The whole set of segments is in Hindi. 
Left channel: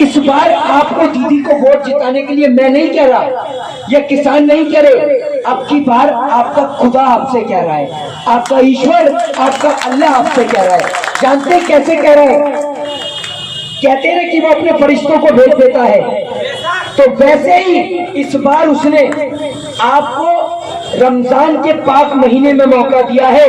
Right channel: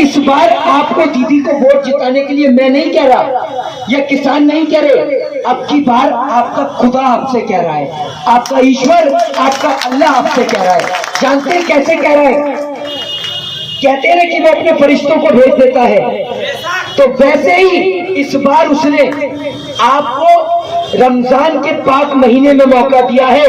इस बार आपको दीदी को वोट जिताने के लिए मैं नहीं कह रहा, ये किसान नहीं कह रहे, अब की बार आपका खुदा आपसे कह रहा है, आपका ईश्वर, आपका अल्लाह आपसे कह रहा है। जानते हैं कैसे कह रहा है? कहते हैं कि वो अपने फरिश्तों को भेज देता है, तो वैसे ही इस बार उसने आपको रमजान के पाक महीने में मौका दिया है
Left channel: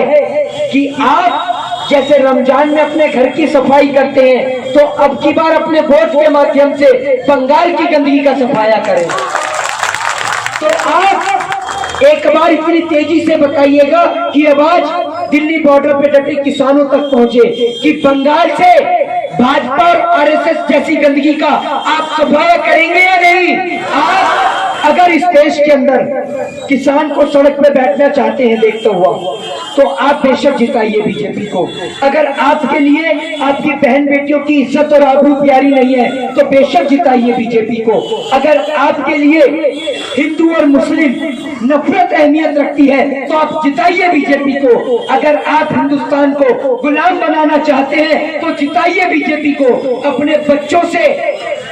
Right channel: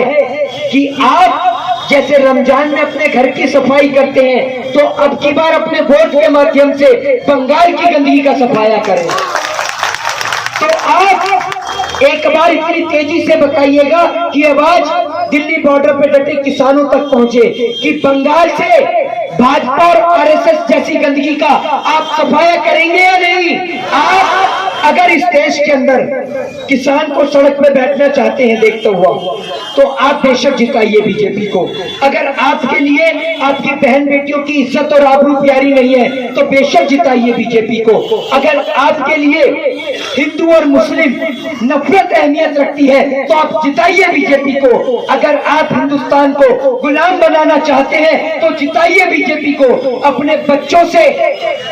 कि आप जैसे रमजान में अपने घर की सफाई करते हैं, तो अब की बार अपने वोट के माध्यम से बंगाल की गंदगी का सफाया करें। तो आप एक बार इतनी तेजी से बताइएगा कि आवाज दिल्ली बॉर्डर पे डटे किसानों तक पहुंचे कि बंगाल से भाजपा और आरएसएस जैसी गंदगी का आप सफाया करेंगे या नहीं। आप अगर इस देश के अंदर किसान को सड़क पे बैठना चाहते हैं देखते हुआ, तो आप बेशक जिताइए बीजेपी को। अगर आपके लिए आपकी बहन बेटियों की इज्जत और आबरू प्यारी नहीं है, तो बेशक जिताइए बीजेपी को। अगर आपके लिए हिंदू और मुस्लिम नफरत अहमियत रखती है, तो आप जिताइए बीजेपी को। अगर आप हिंदुस्तान को गुलाम बनाना चाहते हैं, तो जिताइए बीजेपी को। अपने बच्चों से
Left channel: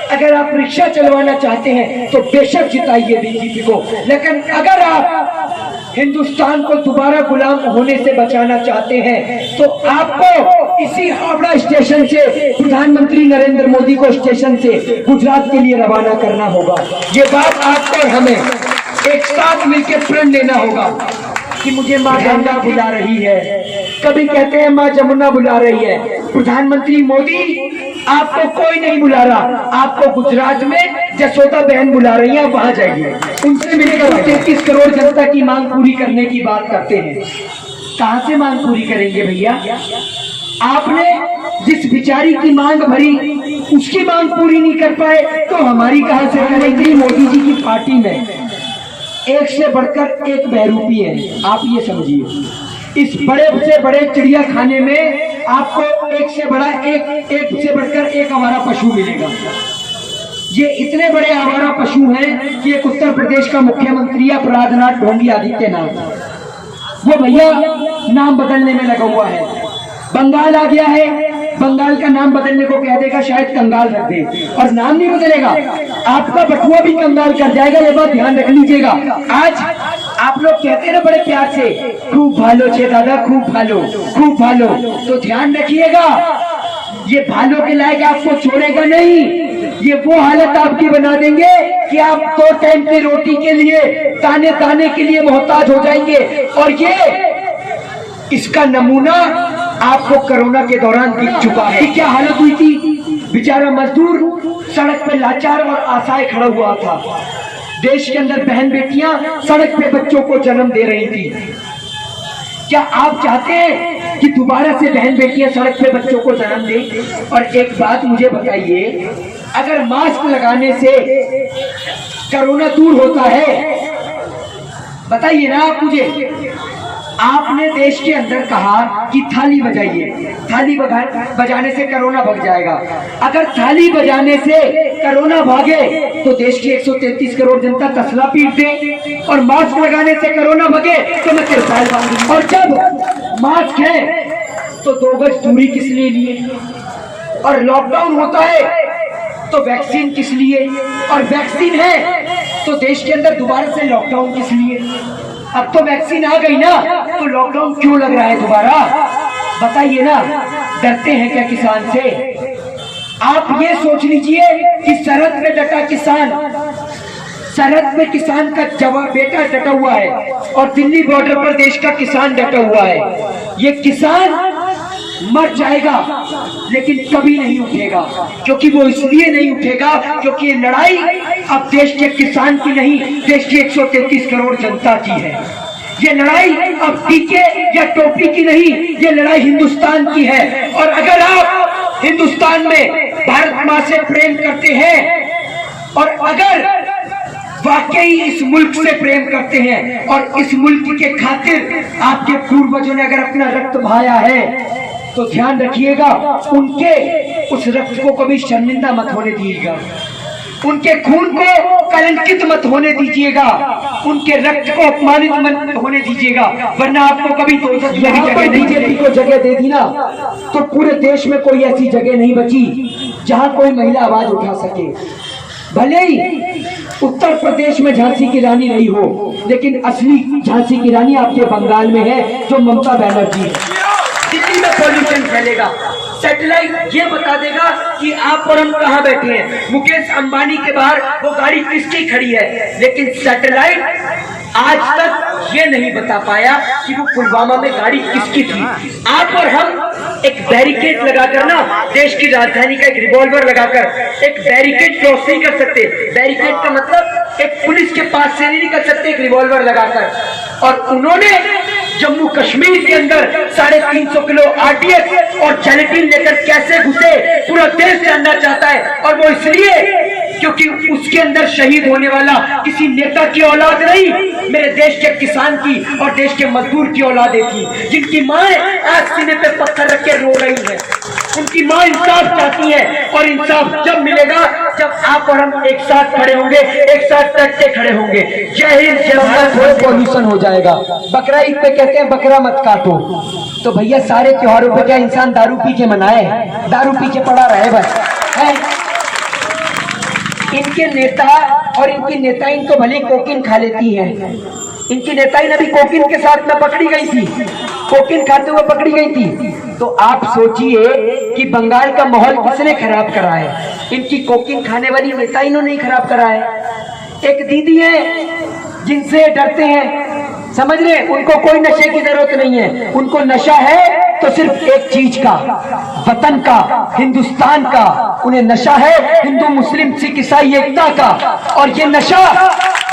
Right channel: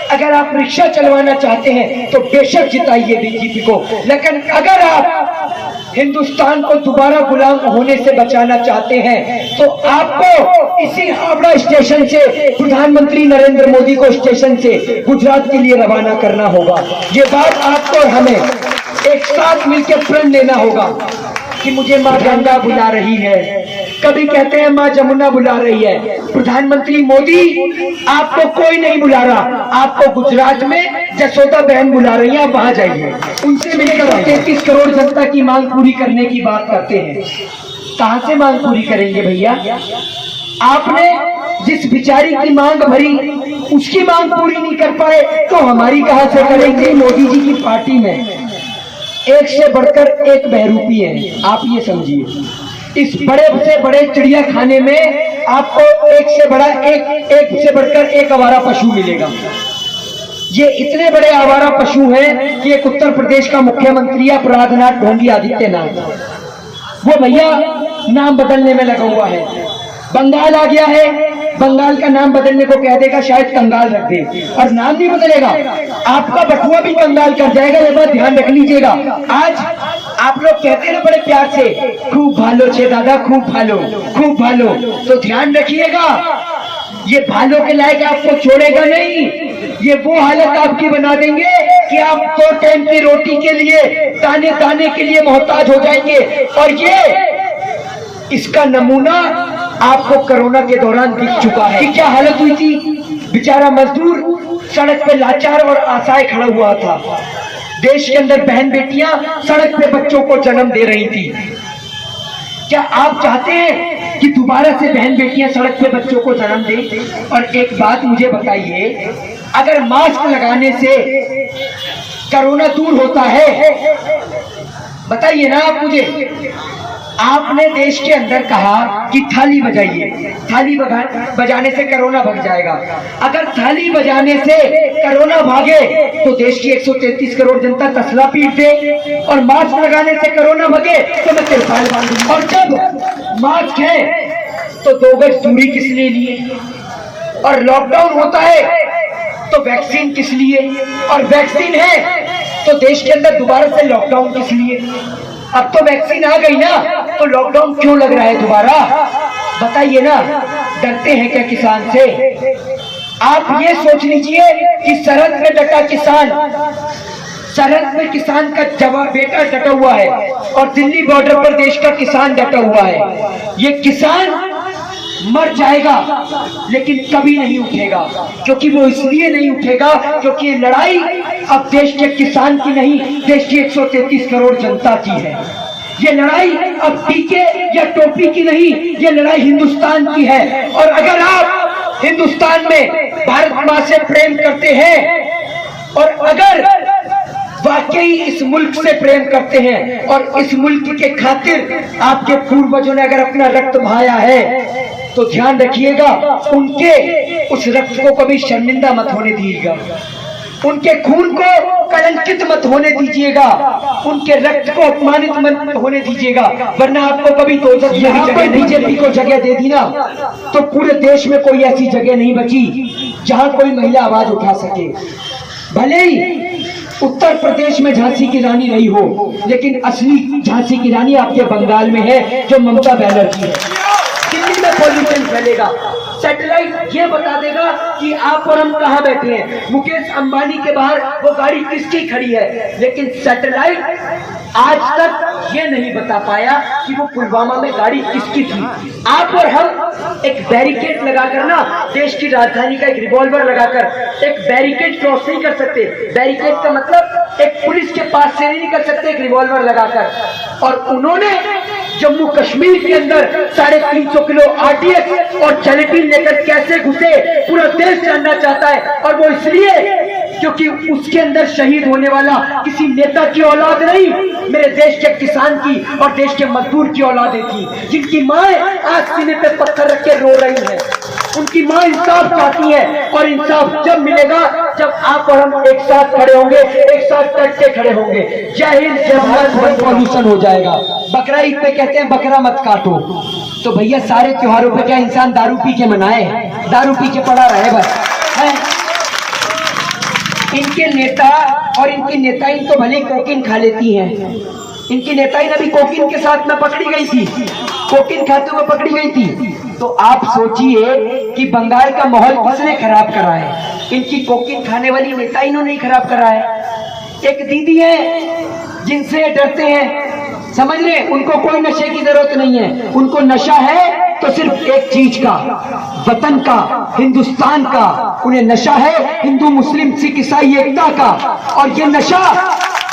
अगर आप रिक्शा चलवाना चाहते हैं, तो बेशक जिताइए बीजेपी को। लेकिन अगर आप हिंदुस्तान को दोबारा गुलाम होने से बचाना चाहते हैं, तो आपको इसी हावड़ा स्टेशन से प्रधानमंत्री नरेंद्र मोदी को स्टेशन से गुजरात के लिए रवाना करना होगा। ये बात आपको और हमें एक साथ मिलकर प्रण लेना होगा कि मुझे माँ गंगा बुला रही है, कभी कहते हैं माँ जमुना बुला रही है। प्रधानमंत्री मोदी, आपको कोई नहीं बुला रहा, आपको गुजरात में जसोदा बहन बुला रही है, आप वहां जाइए, उनसे मिलकर 33 करोड़ जनता की मांग पूरी करने की बात करते हैं। कहां से मांग पूरी करेंगे भैया? आपने जिस बिचारी की मांग भरी, उसकी मांग पूरी नहीं कर पाए, तो हमारी कहां से करेंगे? मोदी जी की पार्टी में एक से बढ़कर एक बहरूपी है, आप ये समझिए। इस बड़े से बड़े चिड़िया खाने में आपको एक से बढ़कर एक आवारा पशु मिलेगा। ये इतने बड़े आवारा पशु हैं कि एक उत्तर प्रदेश का मुख्यमंत्री है अपराधनाथ ढोंगी आदित्यनाथ, वो भैया नाम बदलने में लगा हुआ है। बंगाल आ गया है, बंगाल का नाम बदलने को कह देगा, शायद कंगाल रख दे, और नाम नहीं बदलेगा, आपका बटुआ भी कंगाल कर जाएगा। ये बात ध्यान रख लीजिएगा। आज आप लोग कहते हैं ना बड़े प्यार से, खूब भालो छे दादा, खूब भालो, खूब भालो, तो ध्यान रखिएगा, ये भालो के लायक आपको छोड़ेगा नहीं। ये वो हालत आपकी बना देंगे कि आप 2 टाइम की रोटी के लिए, ताने ताने के लिए मोहताज हो जाएंगे। और ये इसका नमूना आपको कोरोना के दौरान दिख चुका है कि क्या हालत हुई थी। बेचारा मजदूर सड़क पे लाचार और असहाय खड़ा हुआ था। देश के अंदर बहन बेटियां सड़क पे बच्चों को जन्म दे रही थी। क्या आप चाहते हैं कि दोबारा से बहन बेटियां सड़क पे बच्चों को जन्म दें? और एक बात मुझे बताइए, अगर मास्क लगाने से कोरोना दूर होता है, बताइए ना आप मुझे। आपने देश के अंदर कहा कि थाली बजाइए, थाली बजाने से कोरोना भाग जाएगा। अगर थाली बजाने से कोरोना भागे, तो देश की 133 करोड़ जनता तसला पीट दे, और मास्क लगाने से कोरोना भागे तो मैं तिरपाल बांधूंगा। और जब मास्क है तो 2 गज दूरी किस लिए लिए, और लॉकडाउन होता है तो वैक्सीन किस लिए, और वैक्सीन है तो देश के अंदर दोबारा से लॉकडाउन किस लिए? अब तो वैक्सीन आ गई ना, तो लॉकडाउन क्यों लग रहा है दोबारा? बताइए ना, डरते हैं क्या किसान से? आप ये सोच लीजिए कि सरहद में डटा किसान, सरहद में किसान का जवान बेटा डटा हुआ है, और दिल्ली बॉर्डर पर देश का किसान डटा हुआ है। ये किसान मर जाएगा लेकिन कभी नहीं उठेगा, क्योंकि वो इसलिए नहीं उठेगा क्योंकि ये लड़ाई अब देश के किसान की नहीं, देश की 133 करोड़ जनता की है। ये लड़ाई अब टीके या टोपी की नहीं, ये लड़ाई हिंदुस्तान की है। और अगर आप हिंदुस्तान में भारत माँ से प्रेम करते हैं, और अगर वाकई इस मुल्क से प्रेम करते हैं, और इस मुल्क के खातिर आपके पूर्वजों ने अगर अपना रक्त बहाया है, तो ध्यान रखिएगा, उनके उस रक्त को कभी शर्मिंदा मत होने दीजिएगा। उनके खून को कलंकित मत होने दीजिएगा, उनके रक्त को अपमानित मत होने दीजिएगा, वरना आपको कभी बीजेपी को जगह दे दी ना तो पूरे देश में कोई ऐसी जगह नहीं बची जहां कोई महिला आवाज उठा सके। भले ही उत्तर प्रदेश में झांसी की रानी रही हो, लेकिन असली झांसी की रानी आपके बंगाल में है, जो ममता बनर्जी है। दिल्ली में पॉल्यूशन फैलेगा, सैटेलाइट ये बता देगा कि आप और हम कहाँ बैठे हैं, मुकेश अंबानी के बाहर वो गाड़ी किसकी खड़ी है, लेकिन सैटेलाइट आज तक ये नहीं बता पाया कि वो पुलवामा में गाड़ी किसकी थी। आप और हम एक बैरिकेड लगाकर ना, देश की राजधानी का एक रिवॉल्वर लगाकर एक बैरिकेड क्रॉस नहीं कर सकते। बैरिकेड का मतलब एक पुलिस के पास से नहीं निकल सकते एक रिवॉल्वर लगाकर। और उन्होंने जम्मू कश्मीर के अंदर 350 किलो आरडीएक्स और जेलेटिन लेकर कैसे घुसे, पूरा देश जानना चाहता है। और वो इसलिए क्योंकि उसके अंदर शहीद होने वाला किसी नेता की औलाद नहीं, मेरे देश के किसान की और देश के मजदूर की औलादें थी, जिनकी माएं आज सीने पे पत्थर रख के रो रही हैं। उनकी मां इंसाफ चाहती है, और इंसाफ जब मिलेगा जब आप और हम एक साथ खड़े होंगे, एक साथ डट के खड़े होंगे। जय हिंद, जय भारत। पॉल्यूशन हो जाएगा। बकरा ईद पे कहते हैं बकरा मत काटो, तो भैया सारे त्योहारों पर क्या इंसान दारू पी के मनाए? दारू पी के पड़ा रहे बस है। इनके नेता और इनकी नेताइन तो भले कोकीन खा लेती हैं। इनकी नेताइन अभी कोकीन के साथ में पकड़ी गई थी, कोकीन खाते हुए पकड़ी गई थी। तो आप सोचिए कि बंगाल का माहौल किसने खराब करा है? इनकी कोकीन खाने वाली नेताइनों ने खराब करा है। एक दीदी है जिनसे डरते हैं, समझ रहे, उनको कोई नशे की जरूरत नहीं है। उनको नशा है तो सिर्फ एक चीज का, वतन का, हिंदुस्तान का। उन्हें नशा है हिंदू मुस्लिम सिख ईसाई एकता का। और ये नशा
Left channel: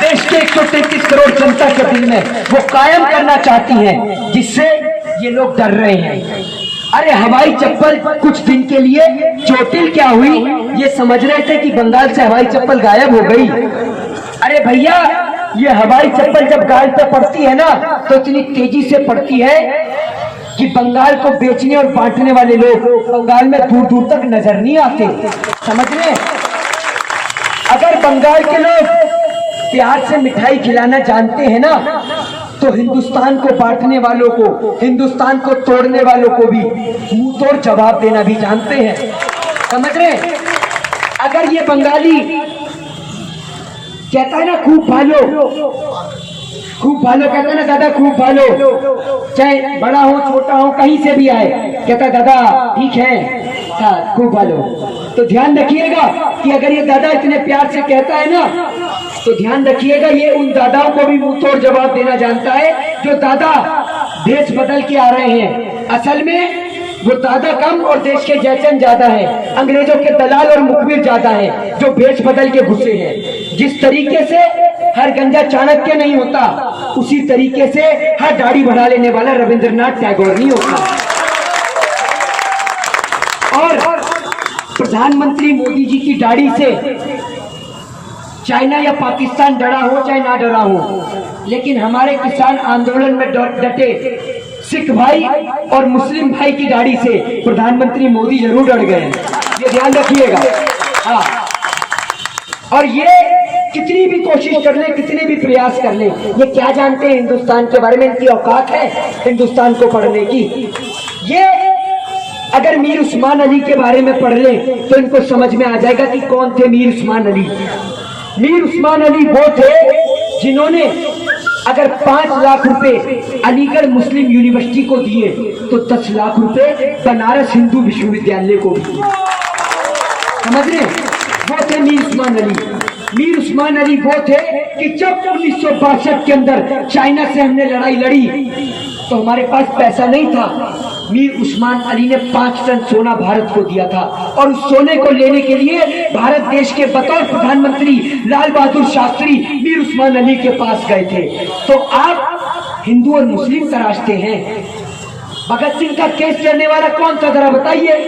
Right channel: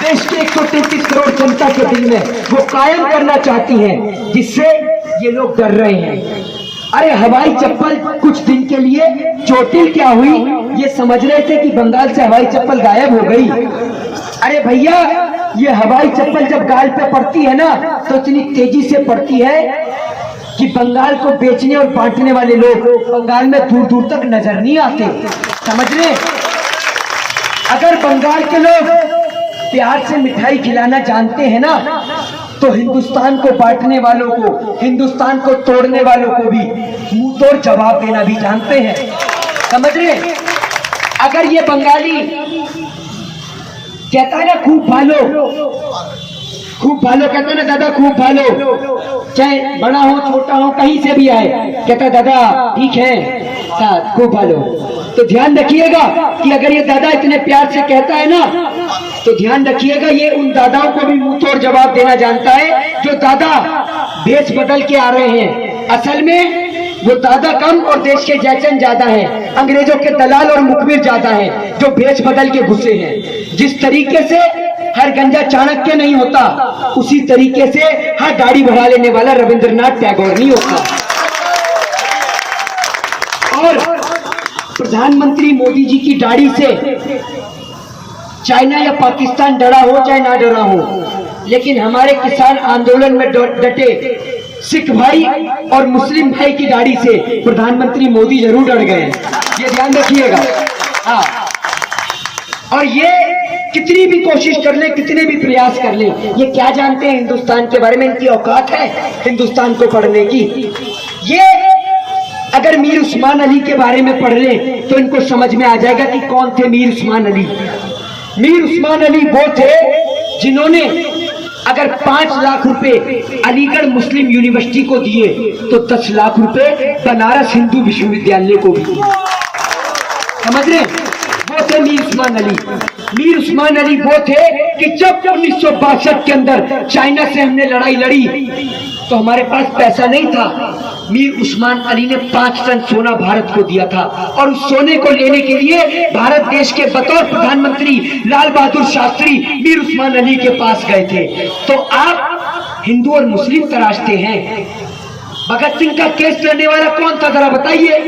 देश के 133 करोड़ जनता के दिल में वो कायम करना चाहती हैं, जिससे ये लोग डर रहे हैं। अरे हवाई चप्पल कुछ दिन के लिए चोटिल क्या हुई, ये समझ रहे थे कि बंगाल से हवाई चप्पल गायब हो गई। अरे भैया, ये हवाई चप्पल जब गाल पे पड़ती है ना तो इतनी तेजी से पड़ती है कि बंगाल को बेचने और बांटने वाले लोग बंगाल में दूर दूर तक नजर नहीं आते। समझ रहे? अगर बंगाल के लोग प्यार से मिठाई खिलाना जानते हैं ना, तो हिंदुस्तान को बांटने वालों को, हिंदुस्तान को तोड़ने वालों को भी मुंह तोड़ जवाब देना भी जानते हैं। समझ रहे? अगर ये बंगाली कहता है ना खूब भालो, खूब भालो कहता है ना दादा, खूब भालो, चाहे बड़ा हो छोटा हो कहीं से भी आए, कहता दादा ठीक है, हाँ खूब भालो। तो ध्यान रखिएगा कि अगर ये दादा इतने प्यार से कहता है ना, तो ध्यान रखिएगा ये उन दादाओं को भी मुंह तोड़ जवाब देना जानता है जो दादा भेष बदल के आ रहे हैं। असल में वो दादा कम और देश के जैसन ज्यादा है, अंग्रेजों के दलाल और मुखबिर ज्यादा है जो भेष बदल के घुसे हैं। जिस तरीके से हर गंजा चाणक्य नहीं होता, उसी तरीके से हर दाढ़ी बढ़ा लेने वाला रविंद्रनाथ टैगोर नहीं होता। और प्रधानमंत्री मोदी जी की दाढ़ी से चाइना या पाकिस्तान डरा हो चाहे ना डरा हो, लेकिन हमारे किसान आंदोलन में डटे सिख भाई और मुस्लिम भाई की दाढ़ी से प्रधानमंत्री मोदी जरूर डर गए, ये ध्यान रखिएगा। हाँ, और ये कितनी भी कोशिश कर ले, कितने भी प्रयास कर ले, ये क्या जानते हैं हिंदुस्तान के बारे में? इनकी औकात है हिंदुस्तान को पढ़ने की? ये अगर मीर उस्मान अली के बारे में पढ़ ले तो इनको समझ में आ जाएगा कि कौन थे मीर उस्मान अली। मीर उस्मान अली वो थे जिन्होंने अगर 5 लाख रुपए अलीगढ़ मुस्लिम यूनिवर्सिटी को दिए तो 10 लाख रुपए बनारस हिंदू विश्वविद्यालय को भी दिए। समझ रहे? वो थे मीर उस्मान अली। मीर उस्मान अली वो थे कि जब 1962 के अंदर चाइना से हमने लड़ाई लड़ी तो हमारे पास पैसा नहीं था। मीर उस्मान अली ने 5 टन सोना भारत को दिया था, और उस सोने को लेने के लिए भारत देश के बतौर प्रधानमंत्री लाल बहादुर शास्त्री मीर उस्मान अली के पास गए थे। तो आप हिंदू और मुस्लिम तराशते हैं। भगत सिंह का केस लड़ने वाला कौन था जरा बताइए?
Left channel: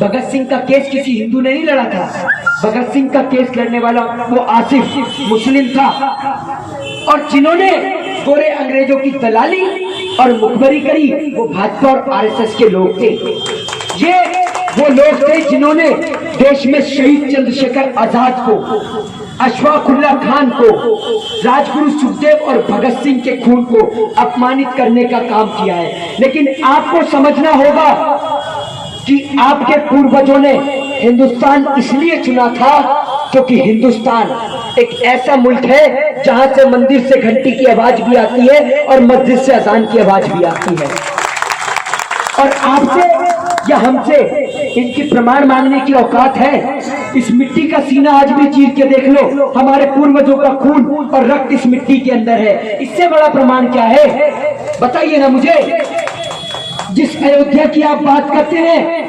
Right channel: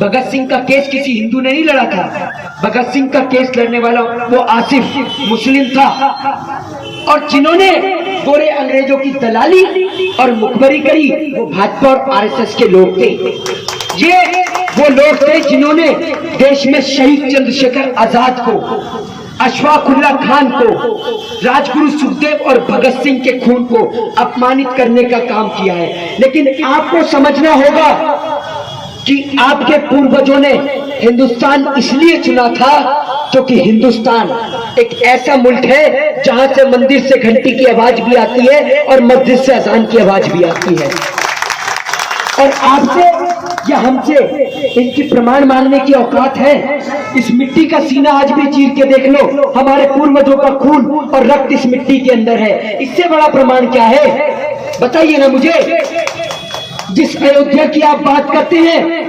भगत सिंह का केस किसी हिंदू ने नहीं लड़ा था। भगत सिंह का केस लड़ने वाला वो आसिफ मुस्लिम था, और जिन्होंने गोरे अंग्रेजों की दलाली और मुखबरी करी वो भाजपा और आरएसएस के लोग थे। ये वो लोग थे जिन्होंने देश में शहीद चंद्रशेखर आजाद को, अशफाकुल्ला खान को, राजगुरु सुखदेव और भगत सिंह के खून को अपमानित करने का काम किया है। लेकिन आपको समझना होगा कि आपके पूर्वजों ने हिंदुस्तान इसलिए चुना था क्योंकि हिंदुस्तान एक ऐसा मुल्क है जहां से मंदिर से घंटी की आवाज भी आती है और मस्जिद से अजान की आवाज भी आती है। और आपसे या हमसे इनकी प्रमाण मांगने की औकात है? इस मिट्टी का सीना आज भी चीर के देख लो, हमारे पूर्वजों का खून और रक्त इस मिट्टी के अंदर है। इससे बड़ा प्रमाण क्या है? बताइए ना मुझे। जिस अयोध्या की आप बात करते हैं,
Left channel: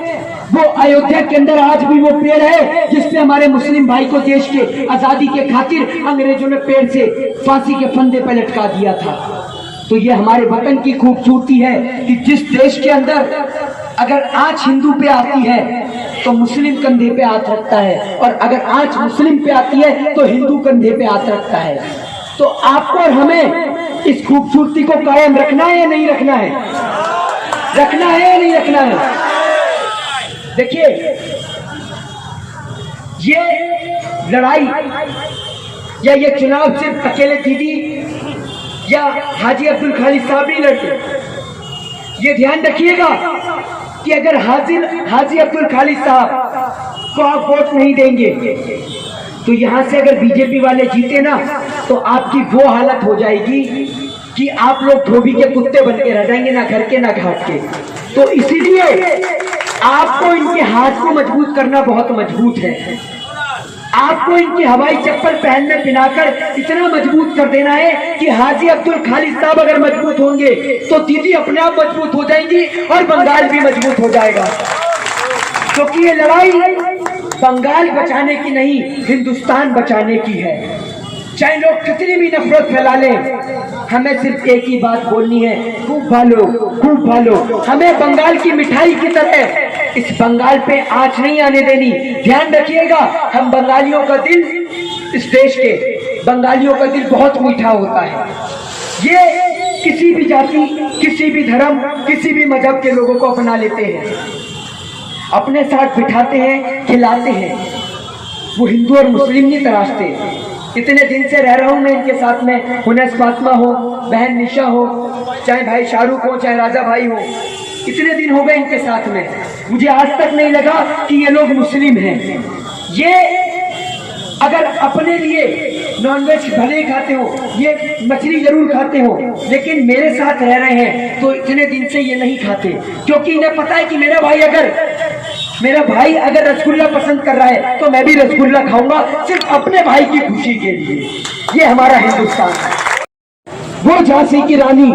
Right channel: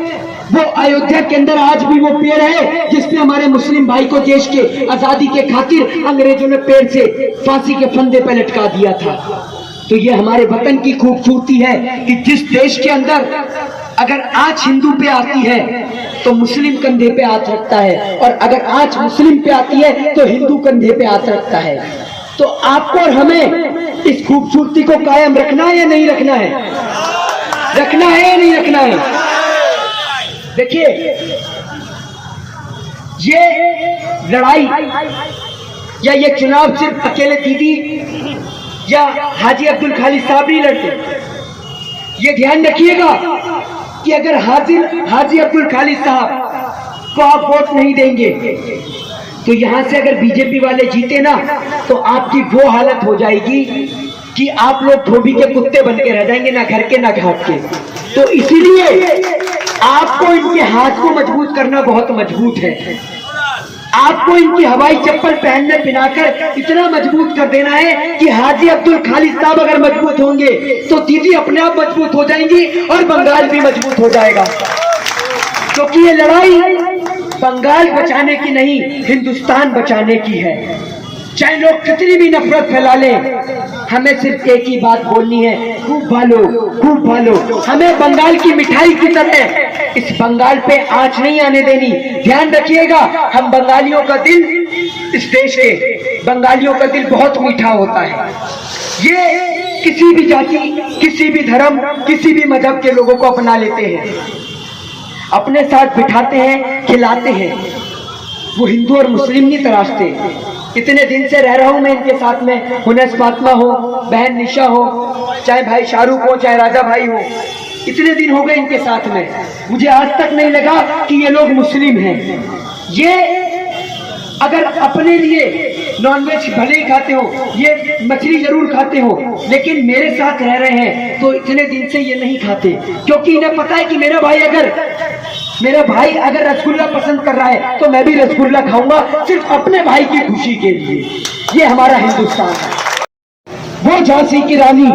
वो अयोध्या के अंदर आज भी वो पेड़ है जिसपे हमारे मुस्लिम भाई को देश के आजादी के खातिर अंग्रेजों ने पेड़ से फांसी के फंदे पे लटका दिया था। तो ये हमारे वतन की खूबसूरती है कि जिस देश के अंदर अगर आंच हिंदू पे आती है तो मुस्लिम कंधे पे हाथ रखता है, और अगर आंच मुस्लिम पे आती है तो हिंदू कंधे पे हाथ रखता है। तो आपको और हमें इस खूबसूरती को कायम रखना है या नहीं रखना है? रखना है या नहीं रखना है? देखिए, ये लड़ाई या ये चुनाव सिर्फ अकेले दीदी या हाजी अब्दुल खालिद साहब नहीं लड़ते। ये ध्यान रखिएगा कि अगर हाजी अब्दुल खालिद साहब को आप वोट नहीं देंगे तो यहां से अगर बीजेपी वाले जीते ना तो आपकी वो हालत हो जाएगी कि आप लोग धोबी के कुत्ते बन के रह जाएंगे, ना घर के ना घाट के। तो इसीलिए आपको इनके हाथ को मजबूत करना बहुत मजबूत है। आपको इनकी हवाई चप्पल पहनने पिनाकर इतना मजबूत कर देना है कि हाजी अब्दुल खालिद साहब अगर मजबूत होंगे तो दीदी अपने आप मजबूत हो जाएंगी और बंगाल भी मजबूत हो जाएगा। क्योंकि ये लड़ाई बंगाल बचाने की नहीं, हिंदुस्तान बचाने की है। चाहे लोग कितनी भी नफरत फैला लें, हमें सिर्फ एक ही बात बोलनी है, खूब भालो, खूब भालो। हमें बंगाल की मिठाई की तरह इस बंगाल पे आंच नहीं आने देनी। ध्यान रखिएगा, हम बंगालियों का दिल, इस देश के बंगालियों का दिल बहुत मीठा होता है। ये किसी भी जाति, किसी भी धर्म, किसी भी मजहब के लोगों को अपना लेते हैं, अपने साथ बिठाते हैं, खिलाते हैं। वो हिंदू और मुस्लिम नहीं तराशते। इतने दिन से रह रहा हूं मैं इनके साथ में, हुनस फातिमा हो, बहन निशा हो, चाहे भाई शाहरुख हो, चाहे राजा भाई हो, इतने दिन हो गए इनके साथ में। मुझे आज तक नहीं लगा कि ये लोग मुस्लिम हैं। ये अगर अपने लिए नॉनवेज भले ही खाते हो, ये मछली जरूर खाते हो, लेकिन मेरे साथ रह रहे हैं तो इतने दिन से ये नहीं खाते, क्योंकि इन्हें पता है कि मेरा भाई अगर रसगुल्ला पसंद कर रहा है तो मैं भी रसगुल्ला खाऊंगा, सिर्फ अपने भाई की खुशी के लिए। ये हमारा हिंदुस्तान है। वो झांसी की रानी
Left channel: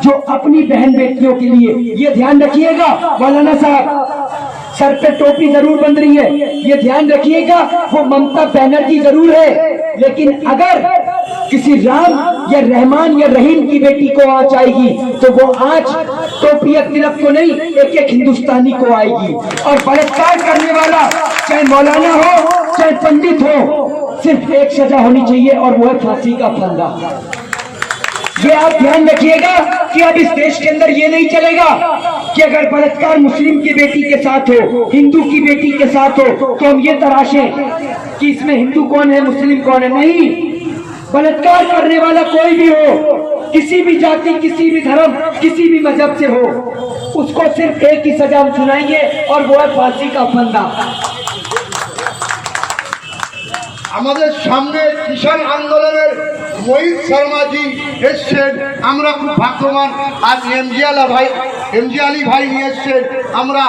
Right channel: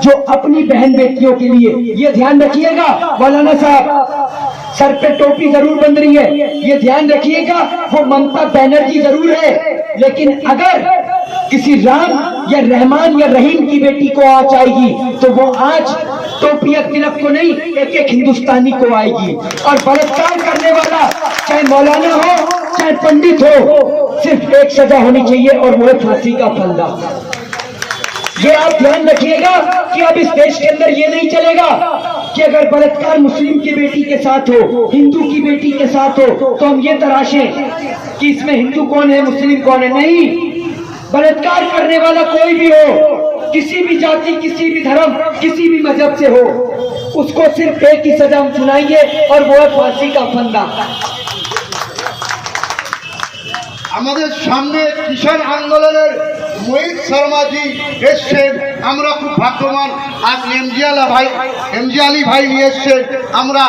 जो अपनी बहन बेटियों के लिए, ये ध्यान रखिएगा मौलाना साहब, सर पे टोपी जरूर बन रही है, ये ध्यान रखिएगा। वो ममता बनर्जी जरूर है, लेकिन अगर किसी राम या रहमान या रहीम की बेटी को आंच आएगी तो वो आंच टोपी या तिलक को नहीं, एक एक हिंदुस्तानी को आएगी। और बलात्कार करने वाला चाहे मौलाना हो चाहे पंडित हो, सिर्फ एक सजा होनी चाहिए और वो है फांसी का फंदा। ये आप ध्यान रखिएगा कि अब इस देश के अंदर ये नहीं चलेगा कि अगर बलात्कार मुस्लिम की बेटी के साथ हो, हिंदू की बेटी के साथ हो, तो हम ये तराशें कि इसमें हिंदू कौन है मुस्लिम कौन है। नहीं, बलात्कार करने वाला कोई भी हो, किसी भी जाति, किसी भी धर्म, किसी भी मजहब से हो, उसको सिर्फ एक ही सजा हम सुनाएंगे और वो है फांसी का फंदा। আমাদের সামনে কিষাণ আন্দোলনের মোহিত শর্মাজি এসছেন, আমরা খুব ভাগ্যবান। আর এমজি আলী ভাই নিয়ে এসছেন। আমরা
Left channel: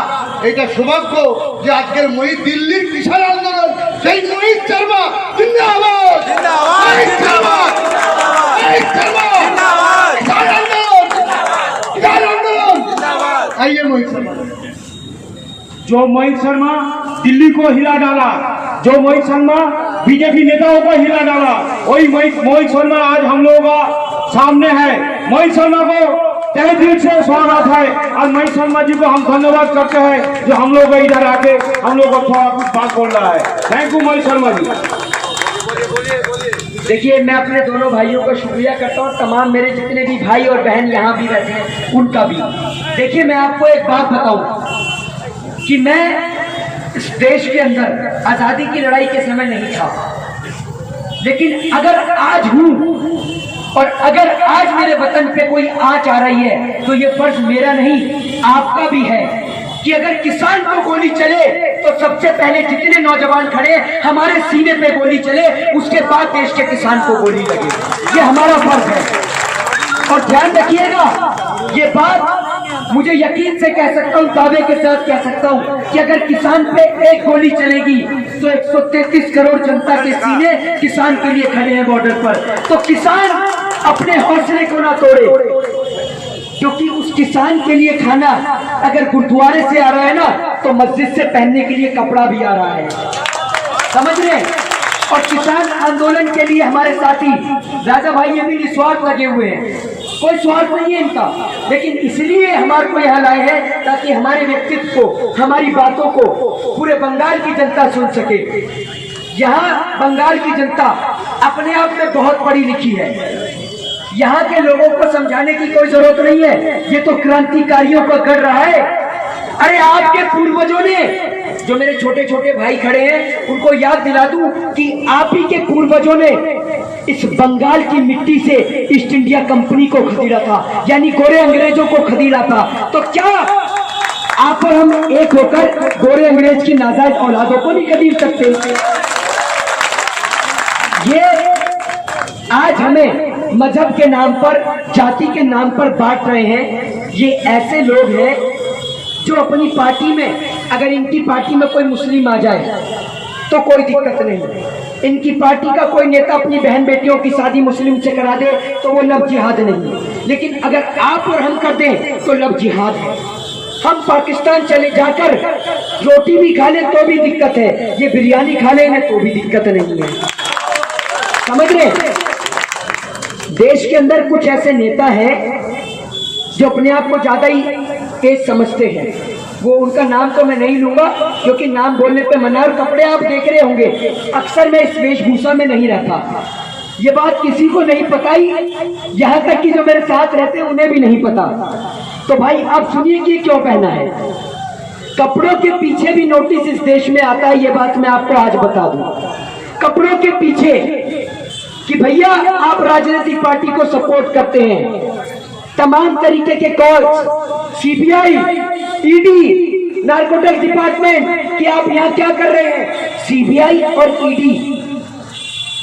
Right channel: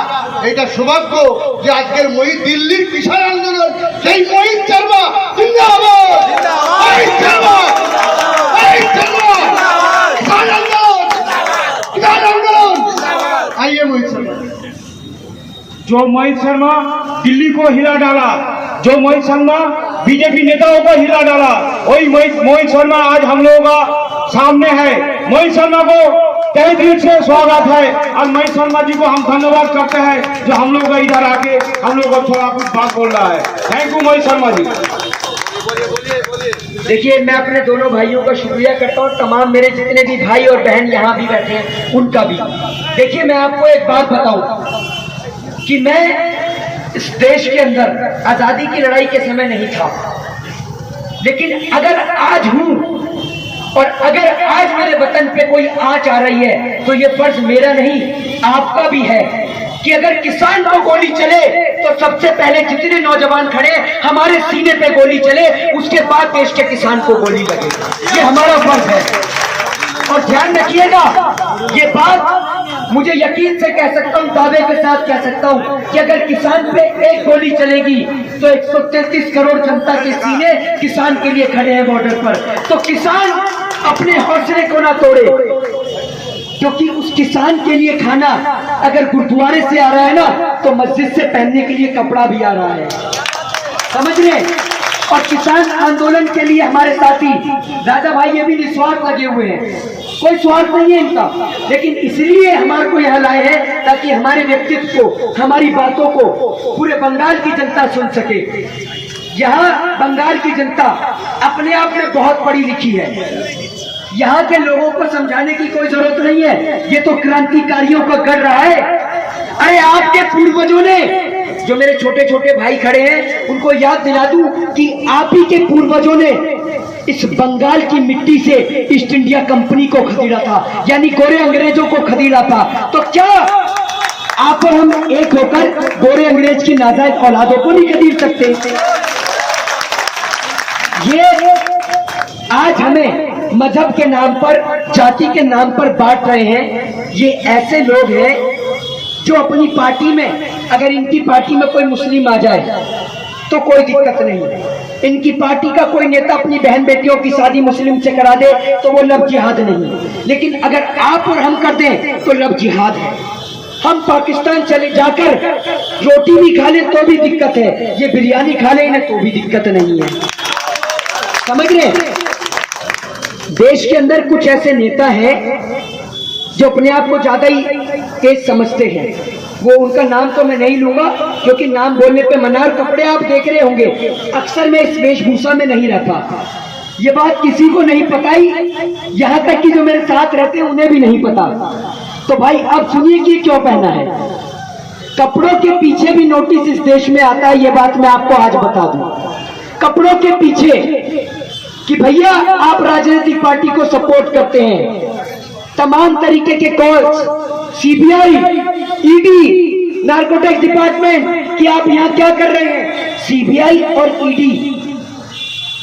এটা সৌভাগ্য যে আজকের মোহিত দিল্লির কিষাণ আন্দোলন, সেই মোহিত শর্মা জিন্দাবাদ, মোহিত শর্মা, মোহিত শর্মা, কিষাণ আন্দোলন, কিষাণ আন্দোলন। आइए मोहित शर्मा। जो मोहित शर्मा दिल्ली को हिला डाला, जो मोहित शर्मा बीजेपी नेताओं को हिला डाला, वही मोहित शर्मा आज हम लोगों का सामने है। मोहित शर्मा को तहे दिल से स्वागत है और मोहित शर्मा जी को हम धन्यवाद करते हैं जो हम लोग इधर आके हम लोग को थोड़ा कुछ बात बोल रहा है। Thank you Mohit Sharma ji. देखिए, मैं अपने दोनों भाइयों का शुक्रिया करता हूँ, तमाम मेरे जितने भी भाई और बहन यहाँ भी बैठे हैं उनका भी। देखिए, मैं आपको एक बात बताऊं कि मैं देश के अंदर आजादी की लड़ाई के समय नहीं था, लेकिन अगर आज हूं और अगर आज मेरे वतन पे कोई आंच आ रही है तो ये फर्ज मेरा नहीं आपका भी है कि अगर किसान को गोली चले तो सबसे पहले जितने नौजवान खड़े हमारे सीने पे गोली चले, उसके बाद देश के किसान को गोली लगे। ये हमारा फर्ज है। और ध्यान रखिएगा, ये बात मुझे यकीन से कह सकता हूँ, दावे के साथ कह सकता हूँ कि अगर किसान पे एक गोली चलेगी तो 133 करोड़ जनता के सीने किसान के लिए खड़े हैं बॉर्डर पर। तो किसान अपने हौसले को ना तोड़े, क्योंकि उस किसान के लिए खाना अगर गुरुद्वारे से आ रहा है ना, तो मस्जिद से पहनने के लिए कपड़ा भी आ रहा है, समझ रहे। और किसान आंदोलन के लिए हमारे साथी राजा भाई ये भी निस्वार्थ लगे हुए हैं, कोई स्वार्थ नहीं है इनका, लेकिन इसलिए हमारे को यहाँ लाए हैं ताकि हमारे व्यक्तित्व को, हमारी बातों को पूरे बंगाल की जनता सुन सके। यहाँ बंगाल की जनता अपने आप में बहुत पढ़ी लिखी है, यहाँ के लोगों को समझाने की कोई जरूरत नहीं है, ये तो क्रांतिकारियों को कर रहा है। अरे आपके पूर्वजों ने, जो मेरे छोटे छोटे भाई खड़े हैं उनको याद दिला दूं कि आप ही के पूर्वजों ने इस बंगाल की मिट्टी से ईस्ट इंडिया कंपनी को खरीदा था, यानी गोरे अंग्रेजों को खरीदा था। तो क्या आप हम एक होकर गोरे अंग्रेज की नाजायज औलादों को नहीं खरीद सकते? ये आज हमें मजहब के नाम पर, जाति के नाम पर बांट रहे हैं। ये ऐसे लोग हैं जो अपनी पार्टी में, अगर इनकी पार्टी में कोई मुस्लिम आ जाए तो कोई दिक्कत नहीं, इनकी पार्टी का कोई नेता अपनी बहन बेटियों की शादी मुस्लिम से करा दे तो वो लव जिहाद नहीं, लेकिन अगर आप और हम कर दें तो लव जिहाद है। हम पाकिस्तान चले जाकर रोटी भी खा लें तो भी दिक्कत है, ये बिरयानी खा लें तो भी दिक्कत नहीं है, समझ रहे। देश के अंदर कुछ ऐसे नेता हैं जो अपने आप को ज्यादा ही तेज समझते हैं, वो उनका नाम तो मैं नहीं लूंगा क्योंकि नाम बोलने पे मना। और कपड़े आप देख रहे होंगे, अक्सर मैं इस वेशभूषा में नहीं रहता, ये बात किसी को नहीं पता ही, यहाँ तक कि जो मेरे साथ रहते हैं उन्हें भी नहीं पता। तो भाई आप सुनिए कि क्यों पहना है। कपड़ों के पीछे भी नोटिस इस देश में आता है, ये बात मैं आपको आज बता दूं। कपड़ों के पीछे कि भैया आप राजनीतिक पार्टी को सपोर्ट करते हैं, तमाम तरीके के calls, CBI, ED, narcotics department कि आप यहाँ क्या कर रहे हैं। सीबीआई और ईडी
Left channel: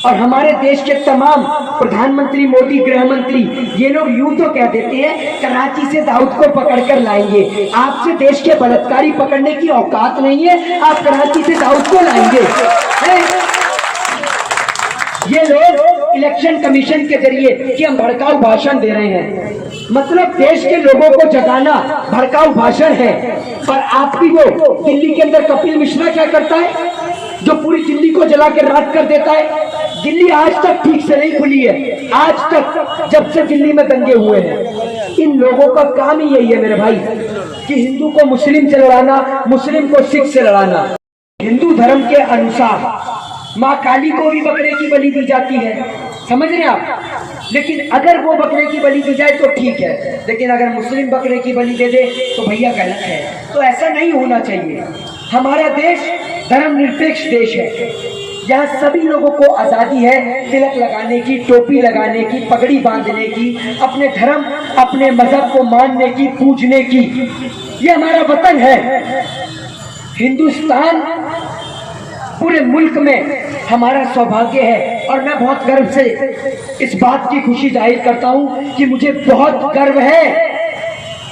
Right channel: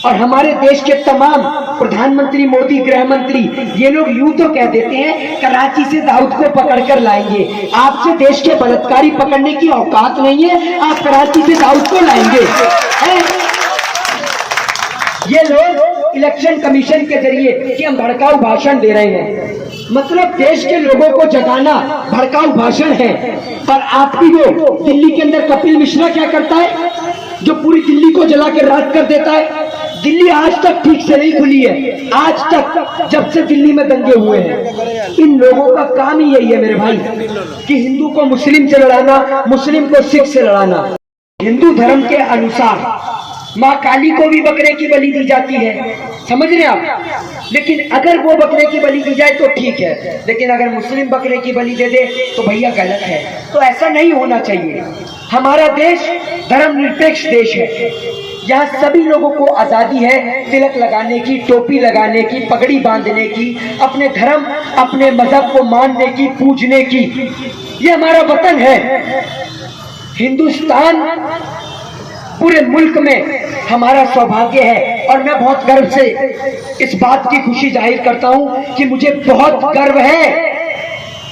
और हमारे देश के तमाम प्रधानमंत्री मोदी, गृह मंत्री, ये लोग यूं तो कह देते हैं कराची से दाऊद को पकड़कर लाएंगे। आपसे देश के बलात्कारी पकड़ने की औकात नहीं है, आप कराची से दाऊद को लाएंगे। ये लोग इलेक्शन कमीशन के जरिए कि हम भड़काऊ भाषण दे रहे हैं, मतलब देश के लोगों को जगाना भड़काऊ भाषण है। पर आपकी जो दिल्ली के अंदर कपिल मिश्रा क्या करता है, जो पूरी दिल्ली को जला के राख कर देता है। दिल्ली आज तक ठीक से नहीं खुली है, आज तक जब से दिल्ली में दंगे हुए हैं। इन लोगों का काम ही यही है मेरे भाई कि हिंदू को मुस्लिम से लड़ाना, मुस्लिम को सिख से लड़ाना। हिंदू धर्म के अनुसार माँ काली को भी बकरे की बलि दी जाती है, समझ रहे आप। लेकिन अगर वो बकरे की बलि दी जाए तो ठीक है, लेकिन अगर मुस्लिम बकरे की बलि दे दे तो भैया गलत है। तो ऐसा नहीं होना चाहिए। हमारा देश धर्मनिरपेक्ष देश है, यहाँ सभी लोगों को आजादी है तिलक लगाने की, टोपी लगाने की, पगड़ी बांधने की, अपने धर्म, अपने मजहब को मानने की, पूजने की। ये हमारा वतन है हिंदुस्तान, पूरे मुल्क में हमारा सौभाग्य है। और मैं बहुत गर्व से इस बात की खुशी जाहिर करता हूं कि मुझे बहुत गर्व है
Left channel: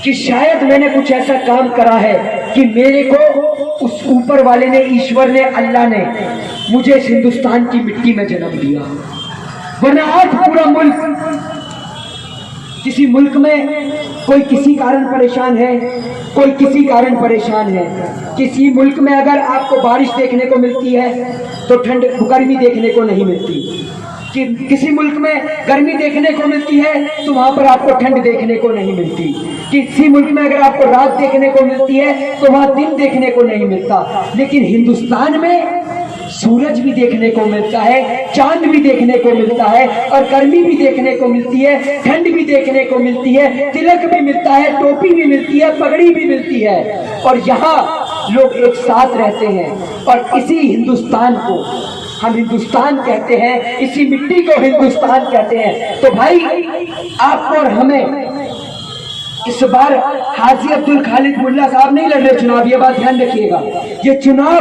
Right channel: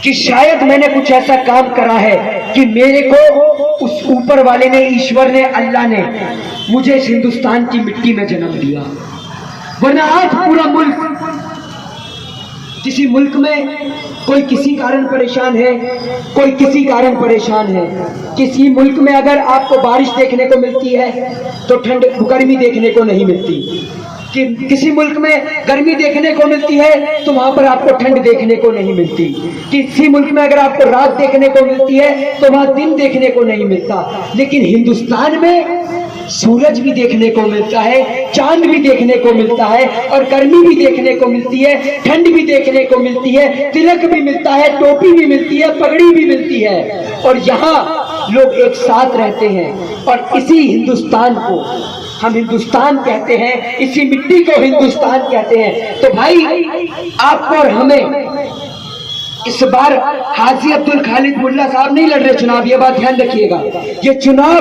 कि शायद मैंने कुछ ऐसा काम करा है कि मेरे को उस ऊपर वाले ने, ईश्वर ने, अल्लाह ने मुझे इस हिंदुस्तान की मिट्टी में जन्म दिया। वरना आज पूरा मुल्क, किसी मुल्क में कोई किसी कारण परेशान है, कोई किसी कारण परेशान है। किसी मुल्क में अगर आपको बारिश देखने को मिलती है तो ठंड, गर्मी देखने को नहीं मिलती। कि किसी मुल्क में गर्मी देखने को मिलती है तो वहां पर आपको ठंड देखने को नहीं मिलती। किसी मुल्क में अगर आपको रात देखने को मिलती है तो वहां दिन देखने को नहीं मिलता। लेकिन हिंदुस्तान में सूरज भी देखने को मिलता है, चांद भी देखने को मिलता है, और गर्मी भी देखने को मिलती है, ठंड भी देखने को मिलती है, तिलक भी मिलता है, टोपी भी मिलती है, पगड़ी भी मिलती है। और यहाँ लोग एक साथ रहते हैं और इसी हिंदुस्तान को हम हिंदुस्तान कहते हैं, इसी मिट्टी को हिंदुस्तान कहते हैं। तो भाई आपको और हमें इस बार हाजी अब्दुल खालिद मुल्ला साहब नहीं लड़ रहे चुनाव, ये बात ध्यान रखिएगा। ये चुनाव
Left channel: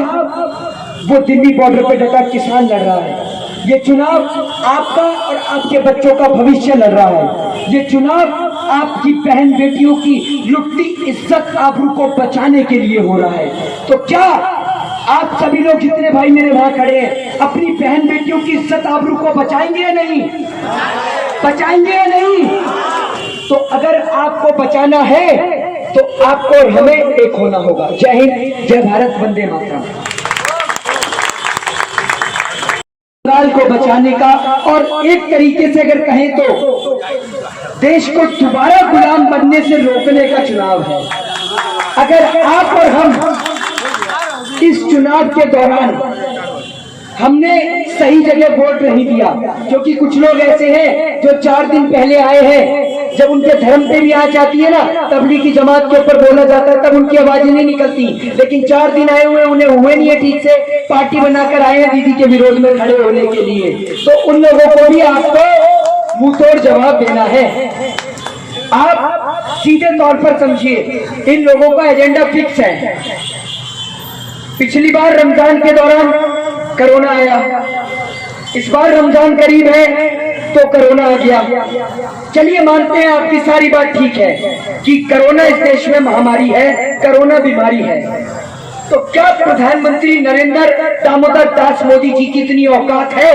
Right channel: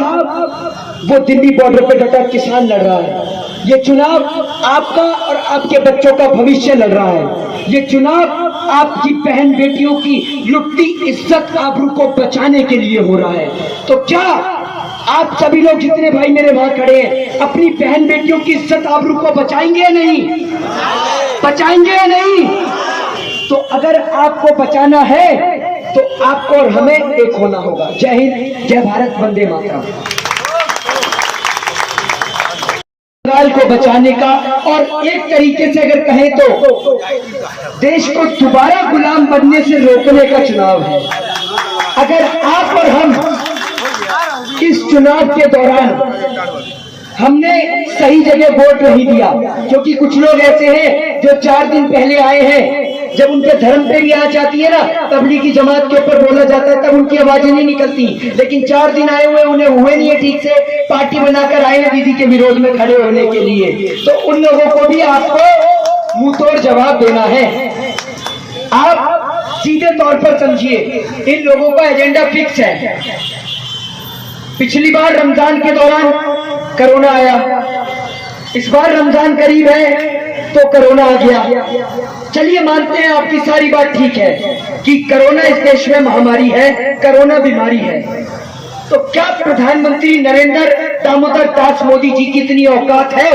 वो दिल्ली बॉर्डर पे डटा किसान लड़ रहा है, ये चुनाव आपका और आपके बच्चों का भविष्य लड़ रहा है, ये चुनाव आपकी बहन बेटियों की लुटती इज्जत आबरू को बचाने के लिए हो रहा है। तो क्या आप सभी लोग जितने भाई मेरे वहां खड़े हैं अपनी बहन बेटियों की इज्जत आबरू को बचाएंगे या नहीं? बचाएंगे या नहीं? तो अगर आपको बचाना है तो आपको और हमें एक होना होगा। जय हिंद, जय भारत, वंदे मातरम। बंगाल को बचाने का और एक तरीके से अगर कहें तो देश को दोबारा गुलाम बनने से रोकने का चुनाव है। अगर आप और हम इस चुनाव के दौरान हमने सही जगह वोट नहीं दिया, क्योंकि कुछ लोग ऐसे हैं जो 4 दिन पहले आए हैं, जब उनके धर्म पे भी आ जाती है ना तबलीगी जमात के ऊपर बोला जाता है तब उनकी आवाजें नहीं निकलती, लेकिन 4 दिन आए हुए उन्हें हुए नहीं है ठीक से, पार्टी बनाकर आए हैं दीदी के विरोध में खड़े होने के लिए। तो उन लोगों को भी आपको मुंह तोड़ जवाब देना है। आप सीधे तौर पर समझिए, इन लोगों का एजेंडा फिक्स है। पिछली बार रमजान के दौरान कोरोना आया, इस बार रमजान करीब है तो कोरोना आ गया। चलिए मानते हैं आपकी सारी बात ठीक है कि कोरोना इस देश में महामारी है, कोरोना बीमारी है। तो क्या प्रधानमंत्री नरेंद्र दामोदर दास मोदी जी की इतनी औकात है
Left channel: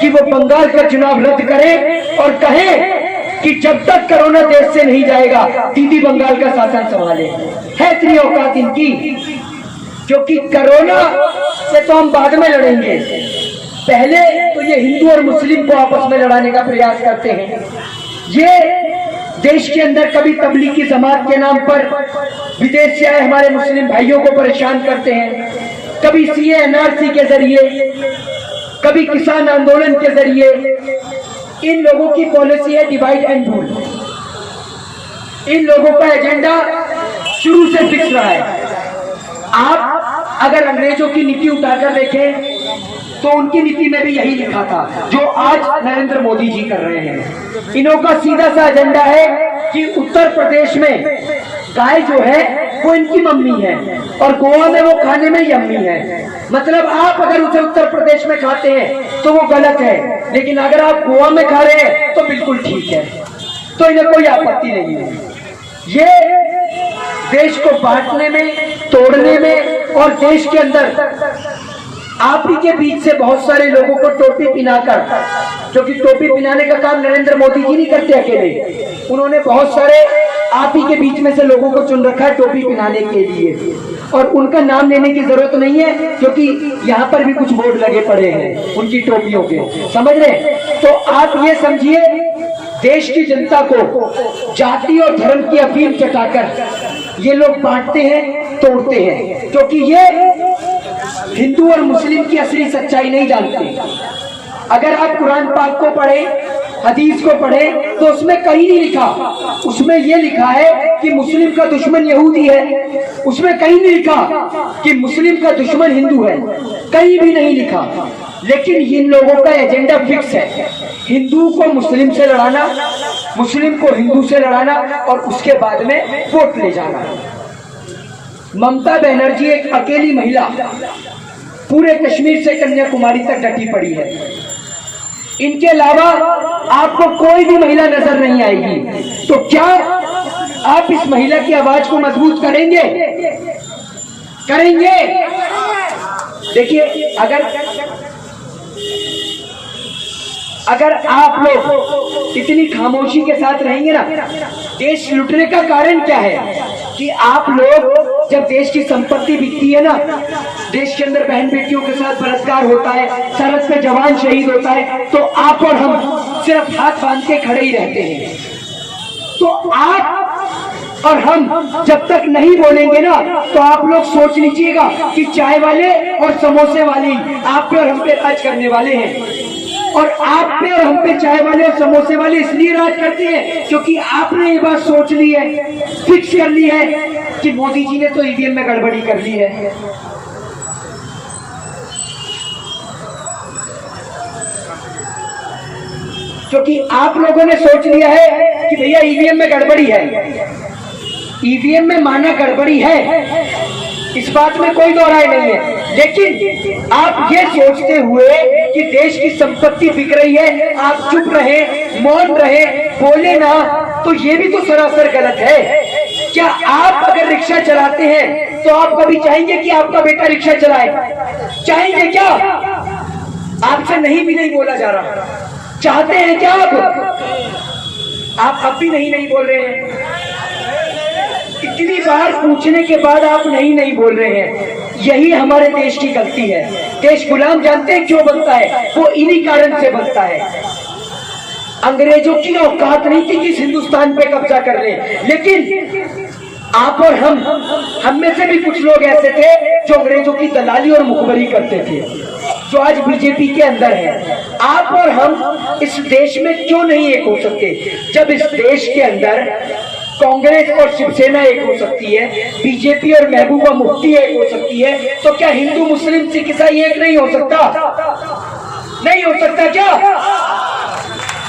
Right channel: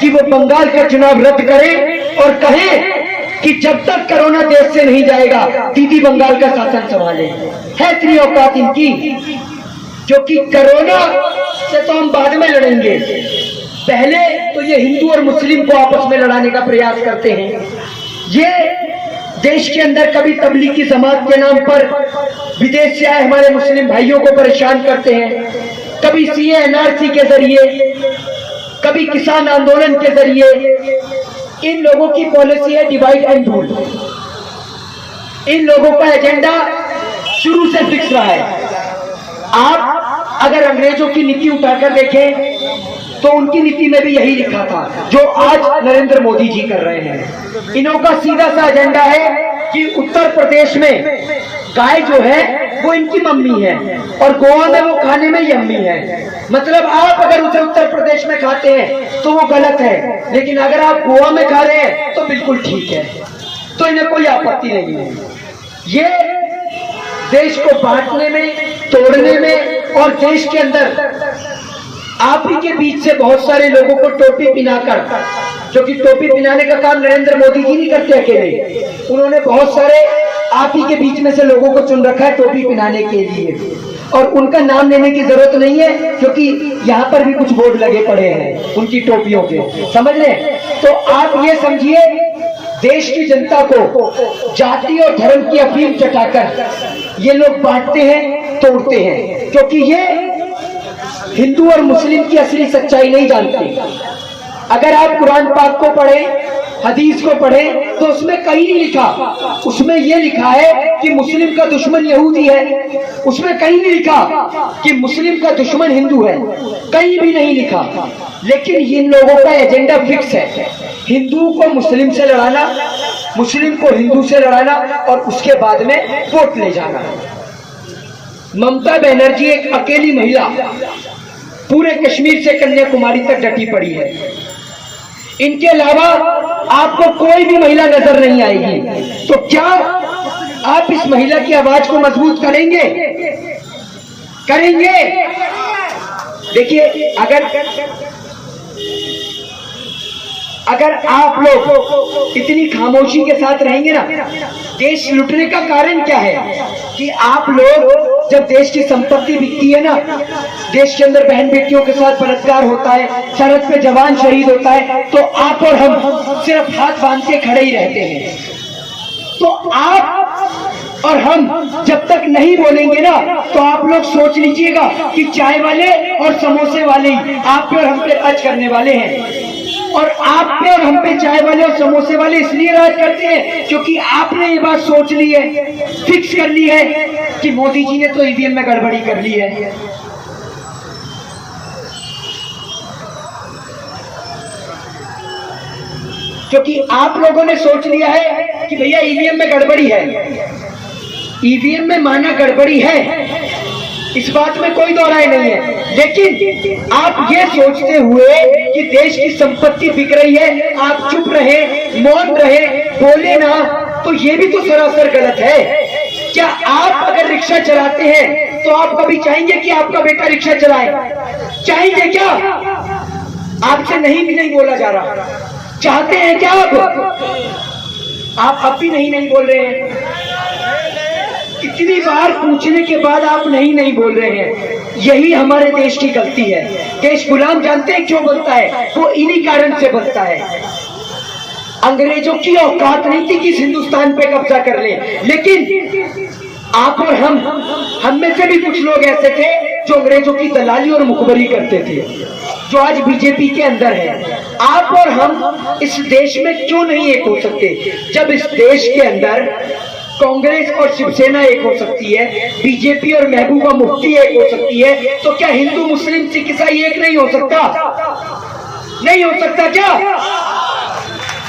कि वो बंगाल का चुनाव रद्द करें और कहें कि जब तक कोरोना देश से नहीं जाएगा दीदी बंगाल का शासन संभाले? है इतनी औकात इनकी? क्योंकि कोरोना से तो हम बाद में लड़ेंगे, पहले तो ये हिंदू और मुस्लिम को आपस में लड़ाने का प्रयास करते हैं। ये देश के अंदर कभी तबलीगी जमात के नाम पर विदेश से आए हमारे मुस्लिम भाइयों को परेशान करते हैं, कभी सीए एनआरसी के जरिए, कभी किसान आंदोलन के जरिए। इन लोगों की पॉलिसी है डिवाइड एंड रूल। इन लोगों का एजेंडा शुरू से फिक्स रहा है। आप अगर अंग्रेजों की नीति उठाकर देखें तो उनकी नीति में भी यही लिखा था जो आज नरेंद्र मोदी जी कर रहे हैं। इन्हों का सीधा सा एजेंडा है कि उत्तर प्रदेश में गाय जो है वो इनकी मम्मी है और गोवा में वो खाने में यम्मी है। मतलब आप अगर उसे उत्तर प्रदेश में खाते हैं तो वो गलत है, लेकिन अगर आप गोवा में खा रहे हैं तो बिल्कुल ठीक है, तो इन्हें कोई आपत्ति नहीं है। ये देश को बांटने में, तोड़ने में और देश के अंदर आप ही के बीच से बहुत सारे लोगों को टोपी पिनाकर, क्योंकि टोपी पिनाने का काम नरेंद्र मोदी जी नहीं करते अकेले, उन्होंने बहुत सारे आप ही के बीच में से लोगों को चुन रखा है टोपी पिनाने के लिए। और उनका नाम लेने की जरूरत नहीं है क्योंकि यहाँ पर भी कुछ बोर्ड लगे पड़े हैं उनकी टोपियों के, समझ रहे हैं? तो आप ये समझिए, देश की जनता को जाति और धर्म की अफीम चटाकर ये लोग बांटते हैं, तोड़ते हैं, क्योंकि ये हिंदू और मुस्लिम की असली सच्चाई नहीं जानते। अगर आप कुरान पाक को पढ़ें, हदीस को पढ़ें, तो उसमें कहीं नहीं लिखा, उसमें यह लिखा है कि मुस्लिम का दुश्मन यहूदी है, उसमें कहीं नहीं लिखा कि मुस्लिम का दुश्मन हिंदू है, कहीं भी नहीं लिखा। लेकिन इन लोगों का एजेंडा फिक्स है, हिंदू को मुस्लिम से लड़ाना, मुस्लिम को हिंदू से लड़ाना और उसके बाद में वोट ले जाना। ममता बनर्जी एक अकेली महिला पूरे कश्मीर से कन्याकुमारी तक डटी पड़ी है, इनके अलावा आपको कोई भी महिला नजर नहीं आएगी। तो क्या आप इस महिला की आवाज को मजबूत करेंगे? करेंगे? देखिए, अगर आप लोग इतनी खामोशी के साथ रहेंगे ना, देश लुटने का कारण क्या है कि आप लोग जब देश की संपत्ति बिकती है ना, देश के अंदर बहन बेटियों के साथ बलात्कार होता है, सरहद पे जवान शहीद होता है, तो आप और हम सिर्फ हाथ बांध के खड़े ही रहते हैं। तो आप और हम जब तक नहीं बोलेंगे ना, तो आप लोग सोच लीजिएगा कि चाय वाले और समोसे वाले ही आप पे और हम पे आज करने वाले हैं। और आप पे और हम पे चाय वाले और समोसे वाले इसलिए राज करते हैं क्योंकि आपने ये बात सोच ली है, फिक्स कर ली है कि मोदी जी ने तो ईवीएम में गड़बड़ी कर ली है। क्योंकि आप लोगों ने सोच लिया है कि भैया ईवीएम में गड़बड़ी है, ईवीएम में माना गड़बड़ी है, इस बात में कोई दो राय नहीं है। लेकिन आप ये सोचते हुए कि देश की संपत्ति बिक रही है, आप चुप रहे, मौन रहे, बोले ना, तो ये भी तो सरासर गलत है। क्या आप अगर रिक्शा चलाते हैं तो आप कभी चाहेंगे कि आपका बेटा रिक्शा चलाए? चाहेंगे क्या? आपसे नहीं बोला जा रहा। चाहते हैं क्या आप अब भी नहीं बोल रहे हैं। इतनी बार पूछने के बाद आप नहीं बोल रहे हैं। यही हमारे देश की गलती है। देश गुलाम जानते हैं क्यों बनता है? वो इन्हीं कारण से बनता है। अंग्रेजों की औकात नहीं थी कि इस हिंदुस्तान पे कब्जा कर ले, लेकिन आप और हम में से भी कुछ लोग ऐसे थे जो अंग्रेजों की दलाली और मुखबरी करते थे, जो आज बीजेपी के अंदर है। आप और हम इस देश में क्यों नहीं एक हो सकते? जब इस देश के अंदर कांग्रेस और शिवसेना एक हो सकती है, बीजेपी और महबूबा मुफ्ती एक हो सकती है, तो क्या हिंदू मुस्लिम सिख ईसाई एक नहीं हो सकता? नहीं हो सकता क्या?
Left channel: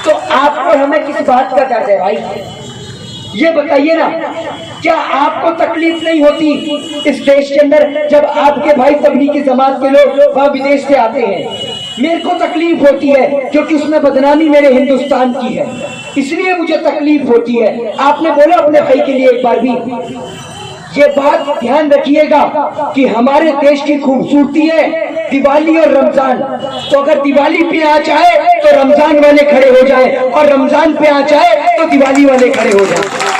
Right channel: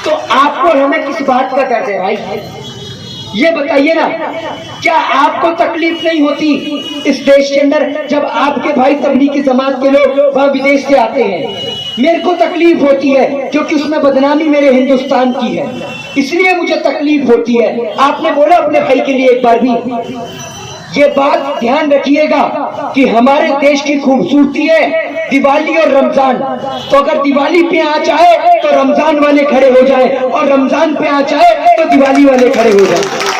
तो आपको हमें किस बात का डर है भाई? ये बताइए ना, क्या आपको तकलीफ नहीं होती इस देश के अंदर जब आपके भाई तबलीगी जमात के लोग वहां विदेश से आते हैं? मेरे को तकलीफ होती है क्योंकि उसमें बदनामी मेरे हिंदुस्तान की है, इसलिए मुझे तकलीफ होती है। आपने बोला अपने भाई के लिए एक बार भी, ये बात ध्यान रखिएगा कि हमारे देश की खूबसूरती है दिवाली और रमजान। तो अगर दिवाली पे आ जाए तो रमजान वाले खड़े हो जाए, और रमजान पे आ जाए तो दिवाली वाले खड़े हो जाए।